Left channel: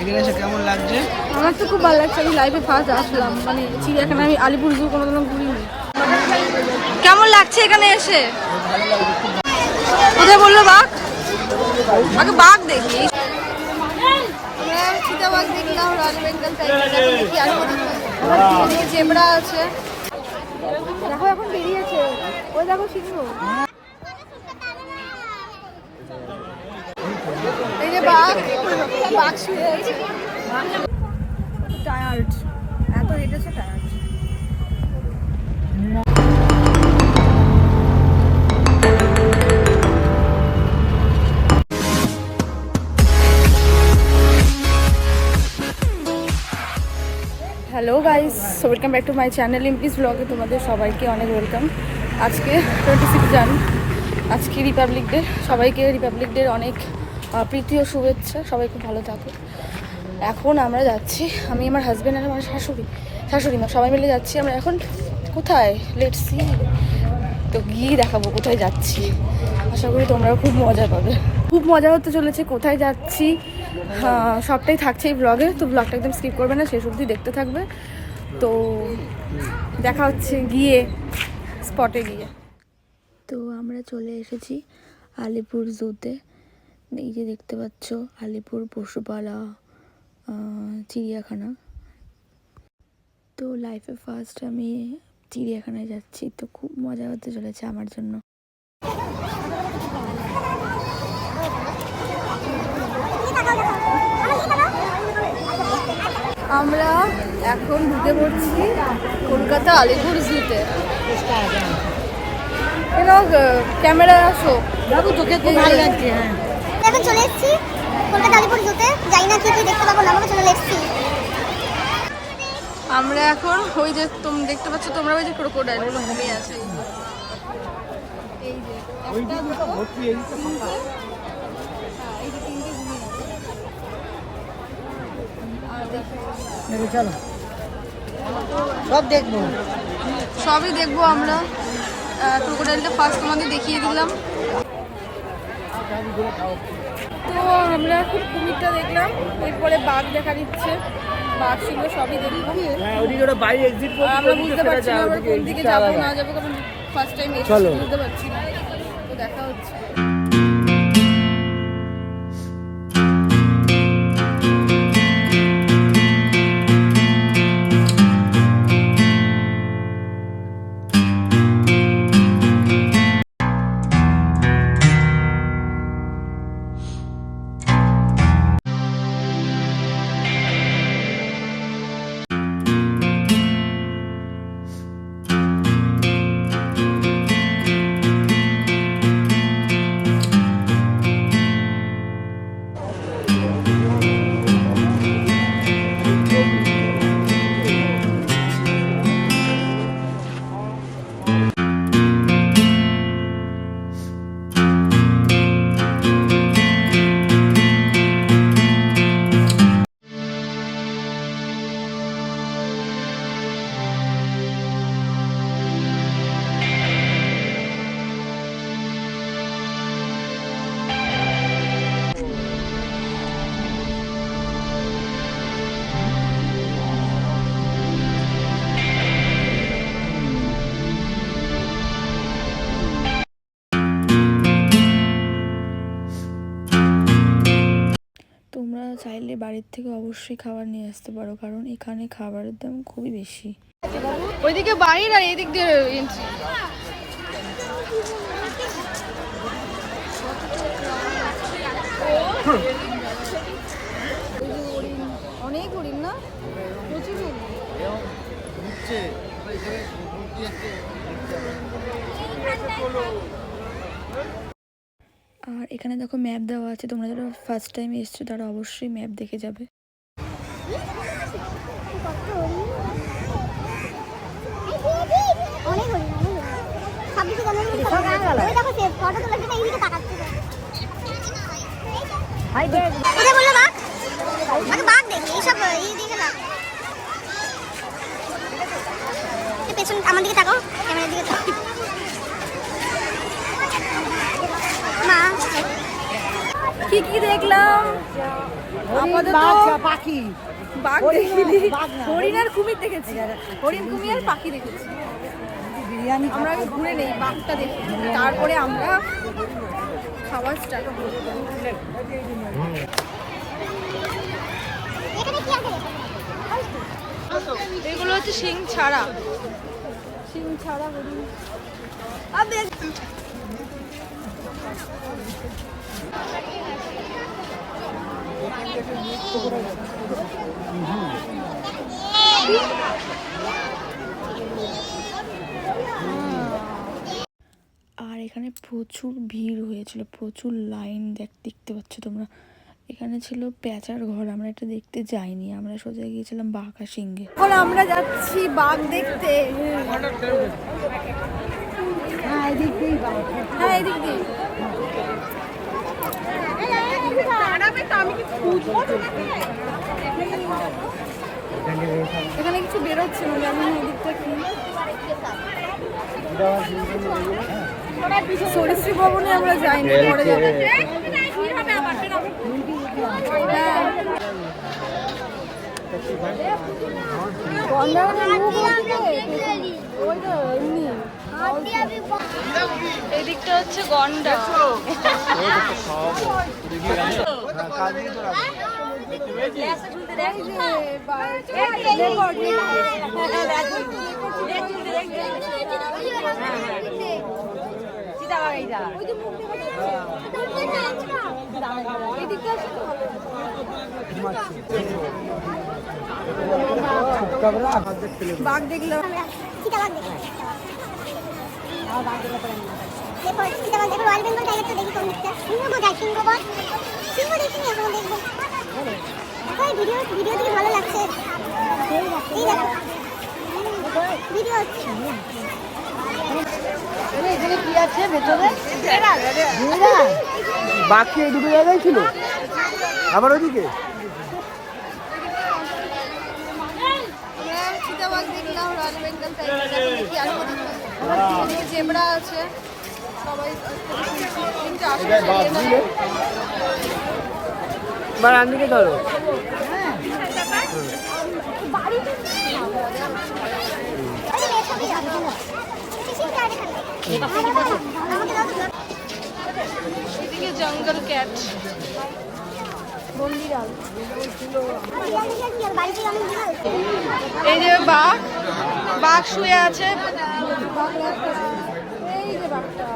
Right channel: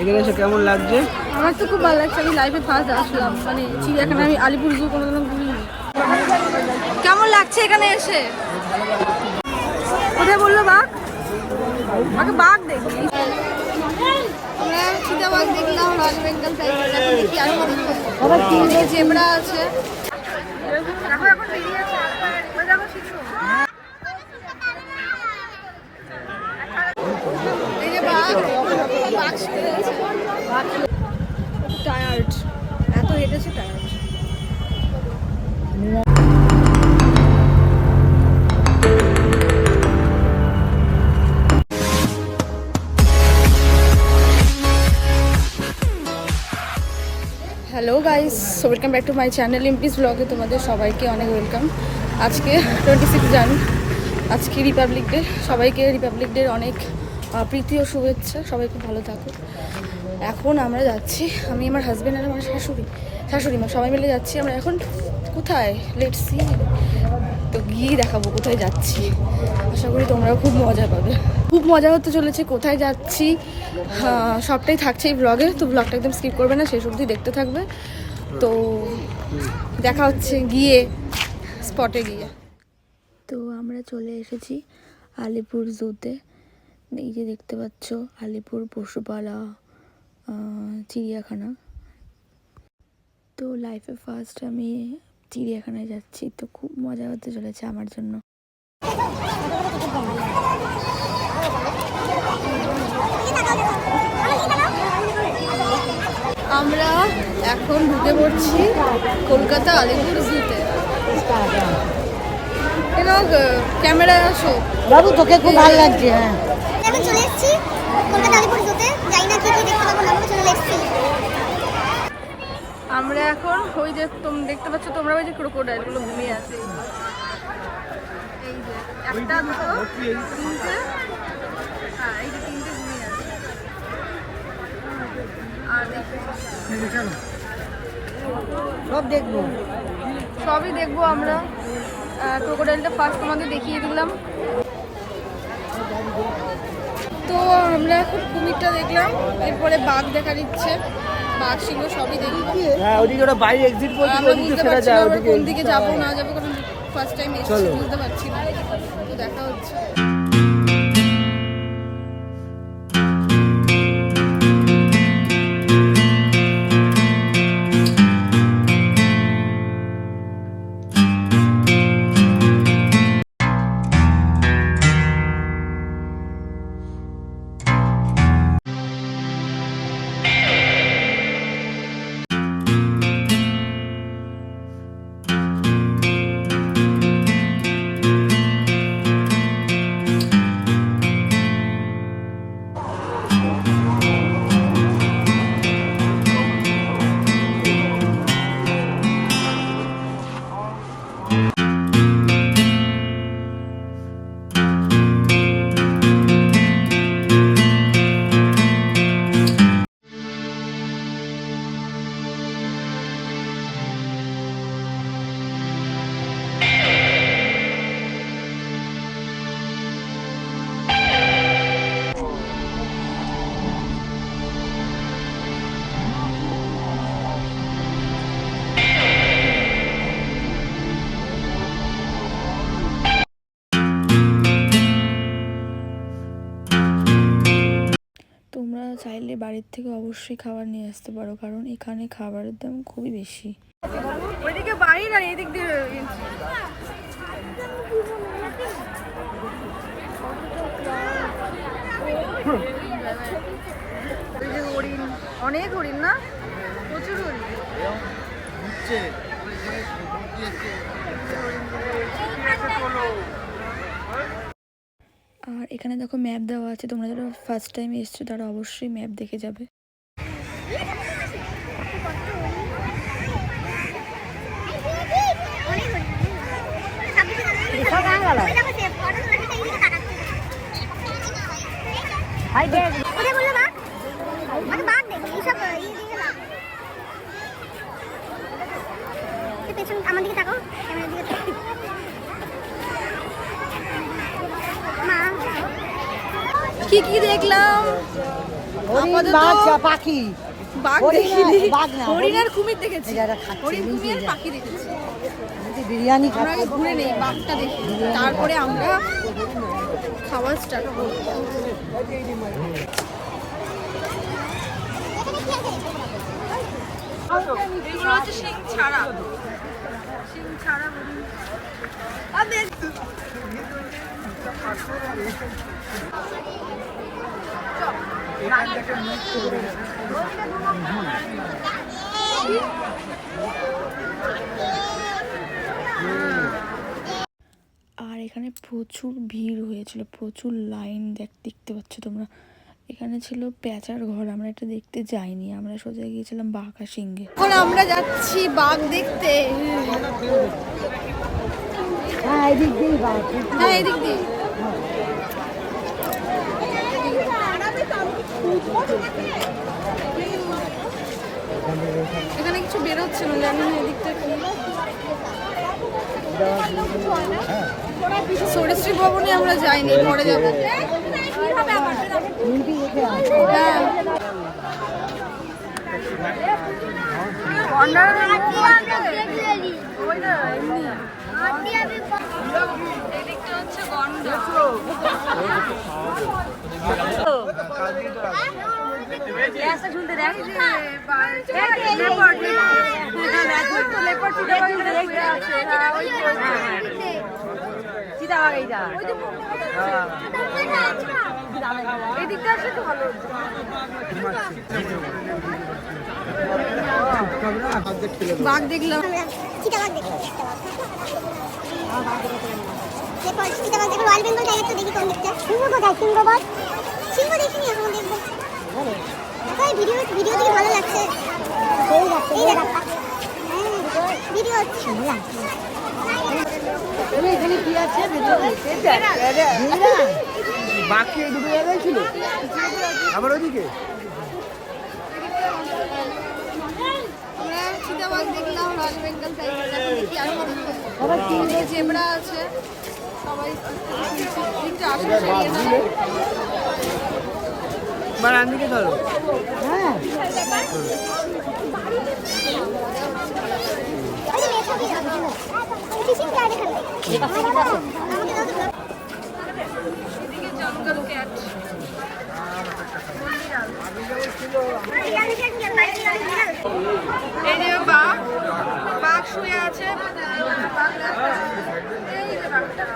এখানে এসে কেমন লাগছে? আমার তো খুব ভালো লাগছে। আমি লাইফে ফার্স্ট আসলাম, মানে চিড়িয়াখানা। আমি আলিপুর জু কোনোদিনও ঘুরিনি। কেমন লাগছে এখানে এসে? কোথায় বললো বাঘ? আগে বাঘ দেখি। আমরা চিতাবাঘ দেখলাম, রয়্যাল বেঙ্গল টাইগার। এখন দেখি আরো এদিকে জেব্রা আছে। দেখো এখন বেরিয়েছে, ওই দেখো সিংহ। এই যে বাঘ, বাঘ শুয়ে রয়েছে। টায়ার্ড, এত হেঁটেছে tired. Hello guys, welcome back to my channel ইমপ্লিজ ব্লগে তোমাদের সবাইকে অনেক ওয়েলকাম। আজকে 26 জান, আজকে রিপাবলিক ডে। সবাইকে রিপাবলিক ডের অনেক প্রীতি ও শুভেচ্ছা। সবাই খুব ভালো থাকো। এখন আমরা যাচ্ছি, আমি আমার হাজব্যান্ড আর আমার শাশুড়ি মা সবাই মিলে যাচ্ছি। আমরা এখন কোথায়, লেটস সি। তো গিয়ে দেখাবো কোথায় যাচ্ছি। আশা করি তোমরাও খুব মজা পাবে। খুব মজা হতে চলেছে। কোথায় যাচ্ছি সবটাই থাকছে এই ব্লগে। তো ব্লগটা একদম স্কিপ করবে না, শেষ অবধি দেখতে থাকবে। তো দেখা হচ্ছে গিয়ে, স্পটে গিয়ে। তো আমরা চলে এসেছি আলিপুর জুতে। এই যে দেখতে পাচ্ছ আলিপুর পশুপালা চিড়িয়াখানা। তো লাইফে ফার্স্ট আমি চিড়িয়াখানায় যাচ্ছি। তো খুব মজা হতে চলেছে আমার জন্য। আমরা এখন ঢুকে পড়ছি কলকাতা আলিপুর জুতে। কেন ক্যামেরায় আসো বাবু, তোকে খুব ভালো লাগছে। হ্যাঁ, এখন চলে এসেছি কলকাতা আলিপুর জুতে। যাই না কি দেখতে পাবো না, চলে এসেছি। আমরা এখন ওই যে তুমি দেখতে পাচ্ছ, তোমরা ওই যে ক্রোকোডাইল গুলো ঘুমিয়ে আছে। এই যে একটা, দুটো, তিনটে। হ্যাঁ, এই যে তিনটে ঘুমিয়ে আছে। আর সব দেখবো, সবই দেখবো আমরা। ক্রোকোডাইলটা ফার্স্ট তোমাদের দেখিয়ে দিলাম। তো আমরা এখন কুমিরটা দেখলাম, এরপরে বাঘ দেখা দিচ্ছে। বাঘ সিংহ সবই দেখবো। আমরা বুঝতে পারছি না আবার কোন দিকে যাবো না যাবো, কারণ ফার্স্ট টাইম এসেছি, বুঝতে পারছি না। তো দেখা হচ্ছে। তোমরা চাইলে বাড়ির থেকে অবশ্যই খাবার নিয়ে আসতে পারো, কারণ এখানে খাবারের দাম খুবই বেশি। ওইদিকে বাইরে আর এদিক দিয়ে ওই যে হরিণ, অনেক হরিণ না, প্রচুর হরিণ। আর এখানে দেখো ম্যাপ দেওয়া আছে, তোমরা যারা ফার্স্ট টাইম এসছো তারা অবশ্যই ম্যাপ দেখে যাবে। আমার দিকে তাকাও, ক্যামেরার দিকে তাকাও। মা কি কি দেখলাম আপাতত পাখি বাঘ দেখিনি, বাঘ না, হরিণ আর কুমির দেখেছি, এরা খাচ্ছে। হরিণ কুমির আর পাখি দেখেছি। বিরিয়ানি আমরা আগে ঘুরে নেই, বাঘটা দেখি, তারপরে আমরা খাওয়া স্টার্ট করি। এগুলো হচ্ছে শিং ছাড়া হরিণ। আর এখানে প্রচুর ভিড় হয়েছিল, প্রচুর লাইন দেখতে পাচ্ছ তোমরা। এখানে ছিল প্যাঁচার ঘর, আমরা এটা দেখতে যাইনি, আমরা সোজা গিয়েছিলাম বাঘ আর সিংহে। এখন আমরা যাচ্ছি বাঘ দেখতে। হ্যাঁ এদিক দিয়ে হ্যাঁ এদিক দিয়ে। এখানে কিছু বেরোচ্ছে না, জানি না এদিকটা কি। সরীসৃপ ভবনে আমরা যাইনি, পরে যাবো। হ্যাঁ এদিকটা হচ্ছে গন্ডা। এদিকটা আসলে তো ভালো হতো। বাঘ দেখলাম, চিতাবাঘ দেখলাম। এরপর চিতাবাঘ দেখো, রয়্যাল বেঙ্গল টাইগার তো দেখি কোন দিকটা। সিংহ কোথায়? সিংহ দেখিনি, এখন দেখবো। দেখো এই ভিডিও থেকে ভালো লাগছে। এই দেখো ভিডিও হচ্ছে। এখানে কি আছে ভেতরে? বাকি এই দুটো জায়গায় ছিল, আবার ওইদিকে আমরা চিতাবাঘ দেখলাম, রয়্যাল বেঙ্গল টাইগার, এখন দেখি আর এদিকে জেব্রা আছে। সবাই একটু আসে বা রান্দিকে ধরো। এদিকে জঙ্গল ক্যাট, বন্দিরাল। এই যে বাঘ শুয়ে আছে। এই যে বাঘটা,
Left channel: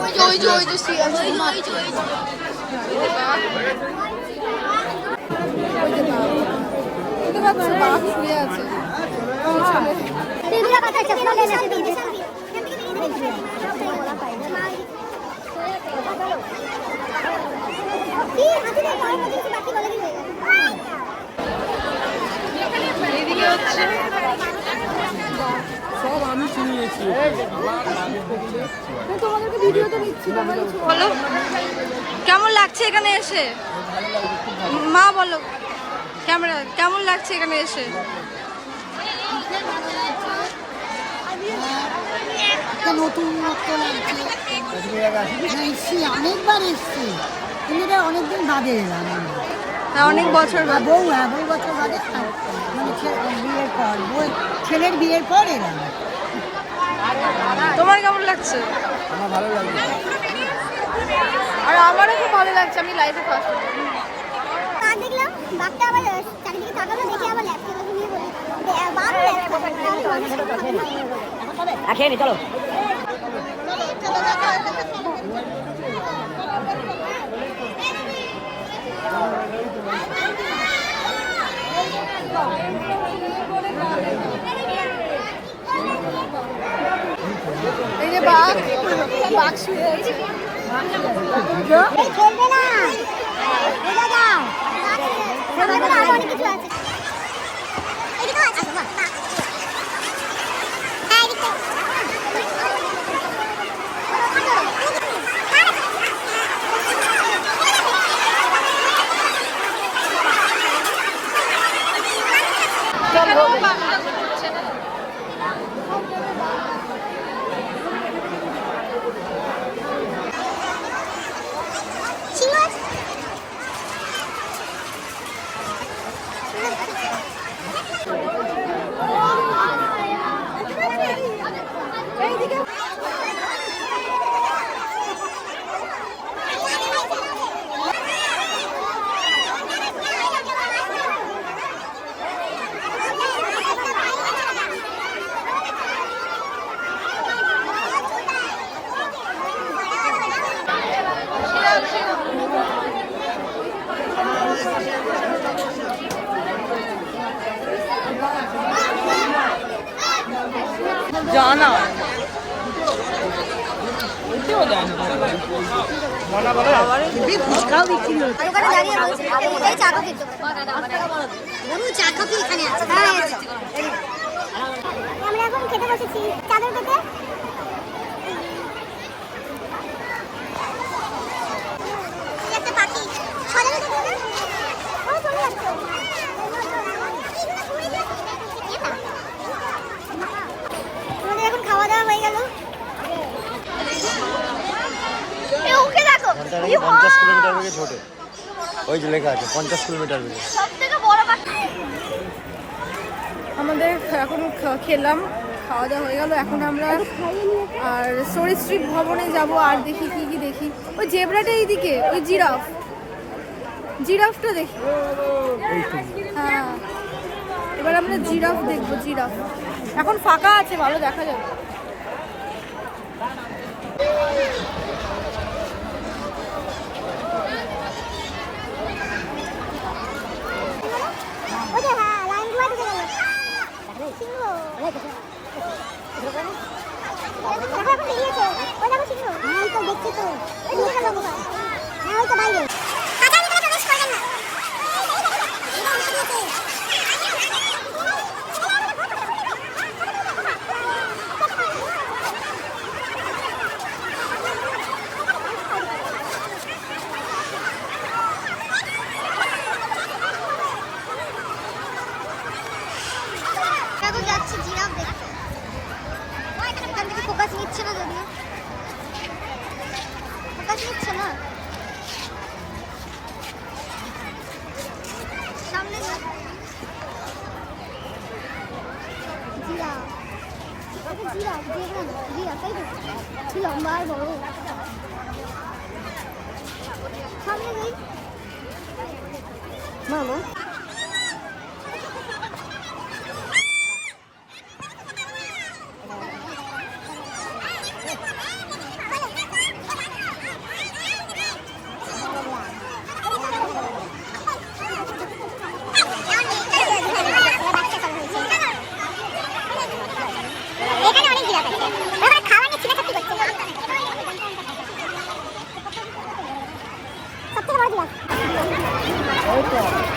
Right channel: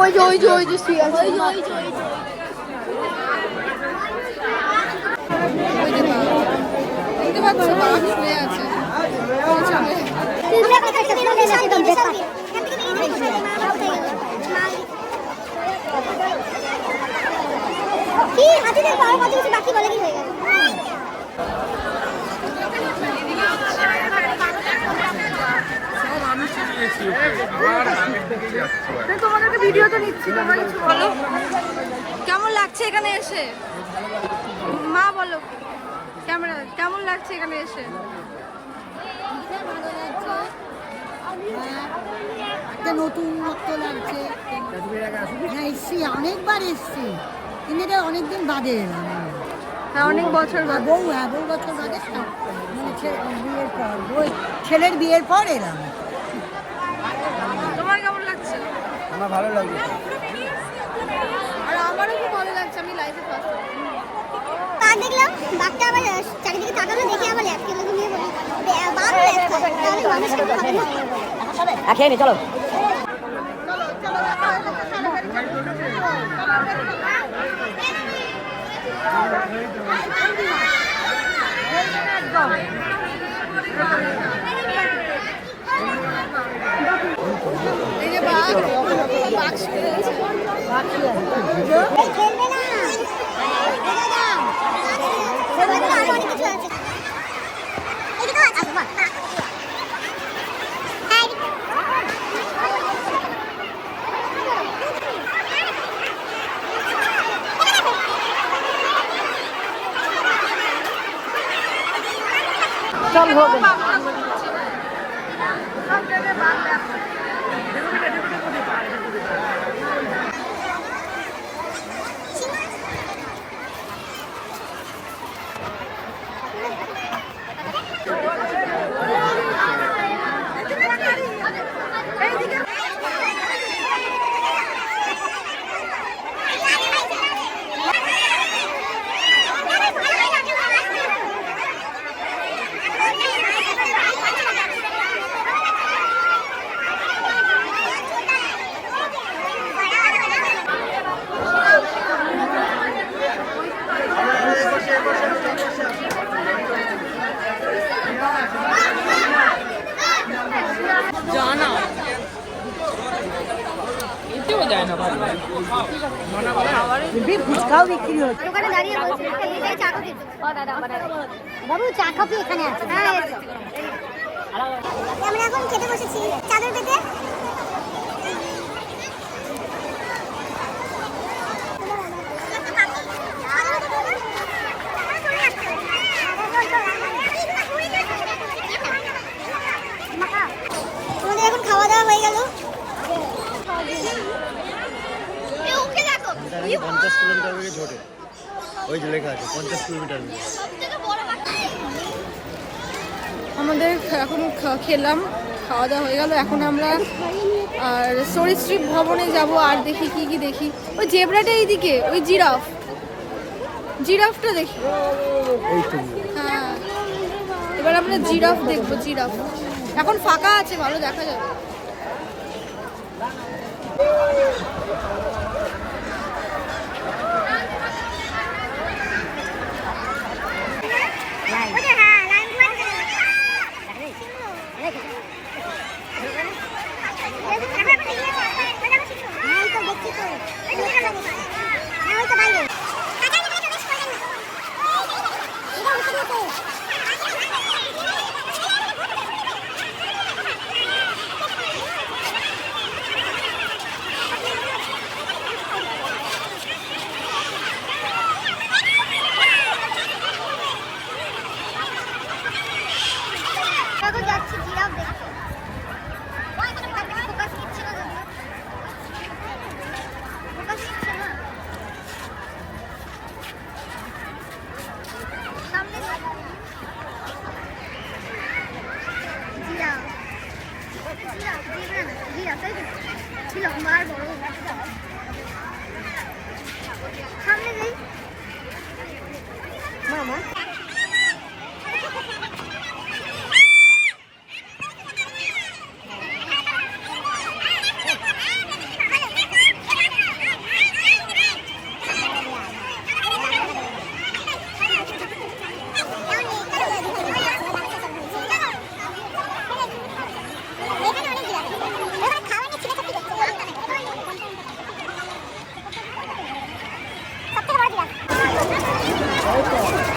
ওই যে শুয়ে আছে। ওই যে বাঘ, বুঝতে পারছো, বাঘ শুয়ে আছে। এদিকে হচ্ছে তোমাদেরকে ভিডিও তো নিচ্ছি, তোমরা কিছু বলো, কেমন লাগছে এখানে এসে? মা বলো, ক্যামেরা কেমন লাগছে এখানে এসে? একটা নতুনত্ব লাগছে। না এসছি, অনেকবার এসছি, কিন্তু এটা অনেকদিন বাদে এলাম আমি। হ্যাঁ অনেক বছর বাদে। বহু বছর বাদে, মানে বিয়ের পর, ছেলের বিয়ের পর এলাম। তোমার কেমন লাগছে? আমার ভালো লাগছে। আর আমারও খুব ভালো লাগছে, আমি লাইভে ফার্স্ট। বাঘ দেখলাম, বাঘটা আবার চারিদিকে তাকালো, দেখে আবার ল্যাপ খেলো, ঘুমিয়ে বলি বাঘও ল্যাপ খায়, তাহলে মানুষ কেমন হবে না? খেয়ে নে চলো। এই যে বাঘ শুয়ে আছে। এই খেলবে না, সামনে বলে আরো অনেক কিছু আছে। এদিকেও আছে বাঘ। হ্যাঁ এদিকে এখানেও বাঘটা ঘুরছে। সব জায়গায় বাঘটা। সিংহ আছে। দোকানে দাঁড়িয়ে বলছি এটাই চা কফির দোকান। বাবু চা কফি এখানে আছে। হ্যাঁ আমরা এখন খেতে বসেছি চাদর পেতে। একটা পাখি সাদা দেখো না, চলে যাচ্ছে। আমাদের এখন খাওয়া দাওয়া হয়ে গেল। 50 কিলোমিটার বেগে ছোটে ওই যে লেখা আছে 50 কিলোমিটার বেগে। আমাদের এখন খেলাম, খাওয়া দাওয়া হয়ে গেল। এখন আমরা আর সরীসৃপ ভবনে যাব আর দেখি কি কি দেখি। ওই জেব্রাটা এইদিকে, ওই জিরাফটা দেখি। হ্যাঁ এবার আমরা জিরাফ দেখবো। জিরাফ এখন ফাঁকা আছে, ভালো দেখা যাবে। যাচ্ছি জিরাফ দেখতে। এখান থেকে ফোকাস নিচ্ছে না, যদিও ফোকাস নিচ্ছে না। সামনে জিরাফ, জিরাফ জেব্রা না, জিরাফ তাই তো, কি লম্বা আর বড়। সামনে যাই।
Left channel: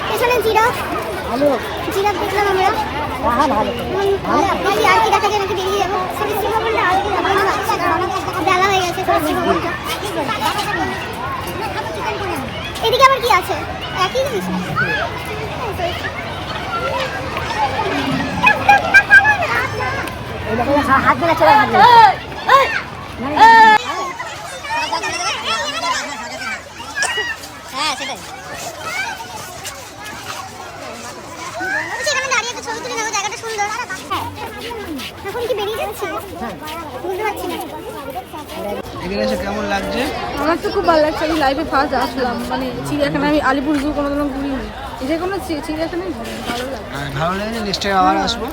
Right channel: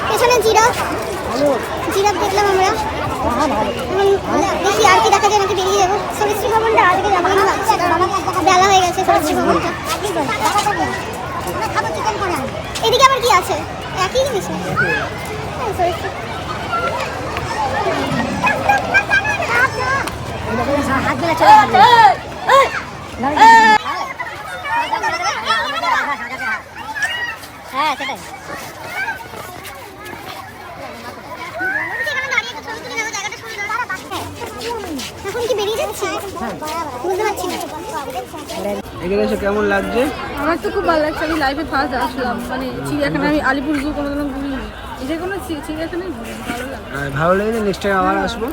পেছনে জিরাফ, জিরাফ দেখলাম আমরা। দেখি আর কি দেখা যায় নাকি বেরিয়ে যাবো। সরীসৃপ ভবনটা আজকে যাবো না ভাবছি, কারণ অনেক বেলা হয়ে গেছে। সরীসৃপ ভবনটা এদিকে আবার কি আছে, একই জিনিস না? হাত ধরে চলে হ্যাঁ সেটাই। এখন কি বেরিয়ে যাচ্ছি বুঝতে পারছি না। এখানে এসে কেমন লাগছে? আমার তো খুব ভালো লাগছে। আমি লাইফে ফার্স্ট আসলাম, মানে চিড়িয়াখানা। আমি আলিপুর জু কোনোদিনও ঘুরিনি, যে কোনো চিড়িয়াখানায় ঘুরি, ভালো লাগে। ভালো লেগেছে, নেক্সট টাইম আবার আসবো।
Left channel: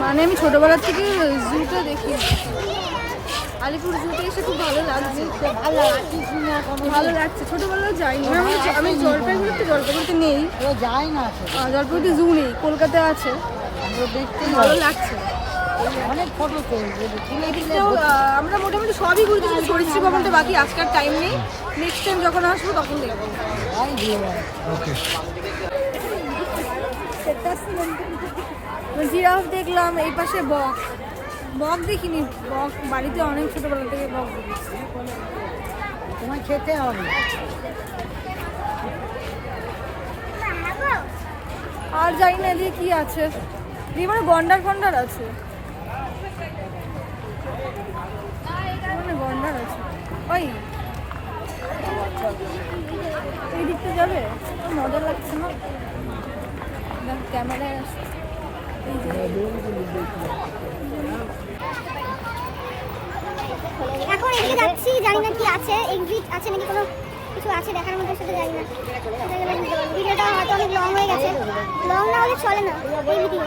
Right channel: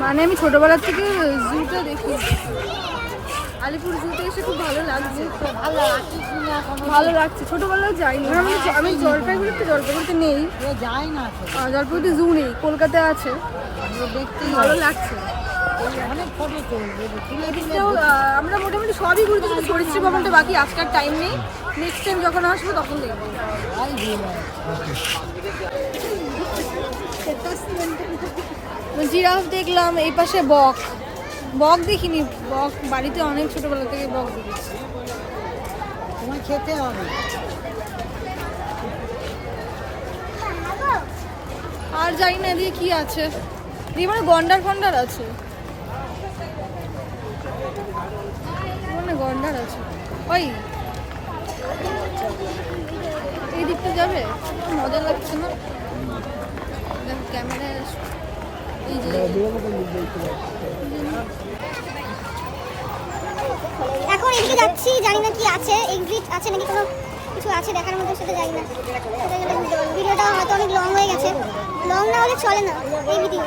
মানে আমি ছোটবেলার থেকে জুটা দেখি, আলিপুর জুতে এসে খুব ভালো লাগছে। ভালো লাগছে, ছোটবেলায় যাইনি। আমি জলপাইগুড়িতে নেই, জলপাইগুড়িতে জু নেই, কলকাতায় আছে। ভালো লাগছে। আমরা মোটামুটি সবই ঘুরতে, কিন্তু সরীসৃপ ভবনটা বাকি। আজকাল টাইম নেই, নেক্সট টাইম যখন আসবো তখন দেখবো। জিরাফ দেখলাম, এই পাশে বক দেখিনি। বক বাড়িতে অনেক ছোটবেলা থেকে বক দেখেছি। তোমার খেতে হবে। আর জানি না এদিকে কি আছে, দিয়ে মানে গন্ডার আছে, গন্ডার আছে। ওই এই দিকটা যাবে, মজা লাগছে না? ক্যামেরায় এই যে এখন এদিকে যাচ্ছি, জানি না কি আছে, এক্সিট আছে নাকি কোনো কিছু আছে দেখার মতো, সেটা জানি না। সেটা গেলে বুঝতে পারবো। ভিডিওটা হয়তো অনেক লং হয়ে গেছে, লং না হলে চলে না এই ভিডিও।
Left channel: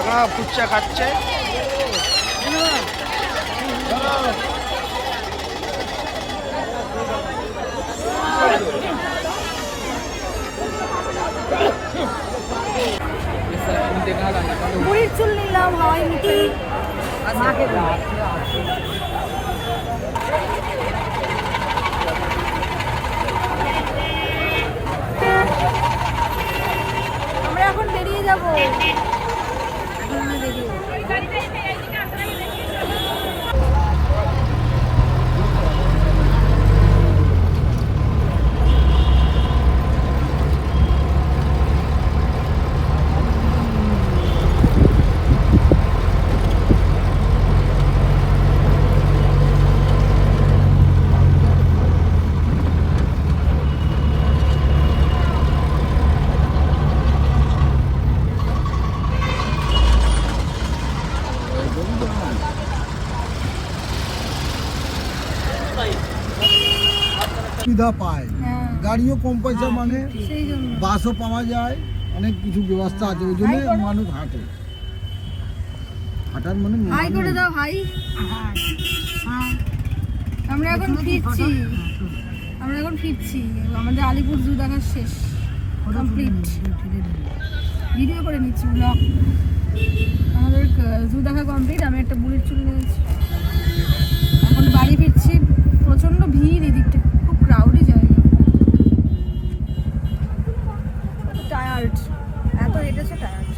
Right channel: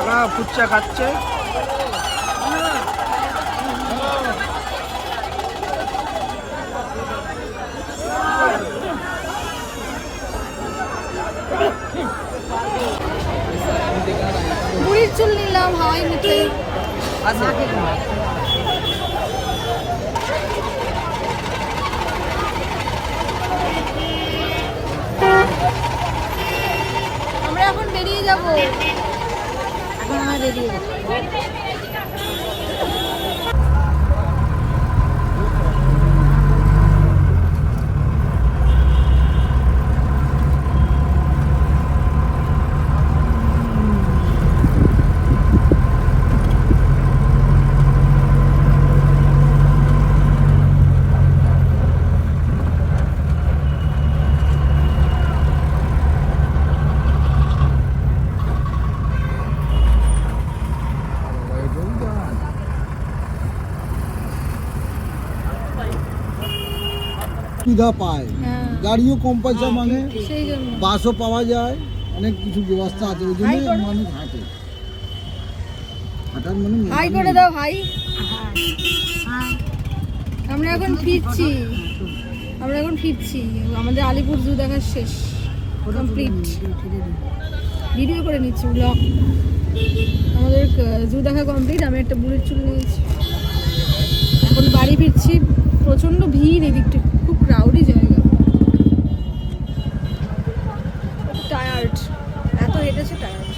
এখন ফুচকা খাচ্ছে। বুড়ির চুল নিলাম, হাওয়াই মিঠাই। আমরা এখন বেরিয়ে যাব। সুবিধা পায়, হ্যাঁ, গাড়িও কম পয়সা মানে, সেই জন্য বাসও পাওয়া যায়, অনেক কিছু ব্যবস্থা আছে, ওই জন্য মানুষ হাঁটে। হাঁটার মানে হাই করে দাও, হাই। আমরা এখন ফিরছি, আমাদের আলিপুর জু দেখা শেষ, কমপ্লিট। ভিডিও করে নিচ্ছি, ব্লগ। আমাদের জু দেখা কমপ্লিট। আমি একটা বুড়ির চুল নিয়েছি, এখন বাড়ি ফিরছি। প্রচন্ড ভিড় এদিকটা, খুব ক্রাউডি জায়গা। টায়ার্ড, এত হেঁটেছে টায়ার্ড।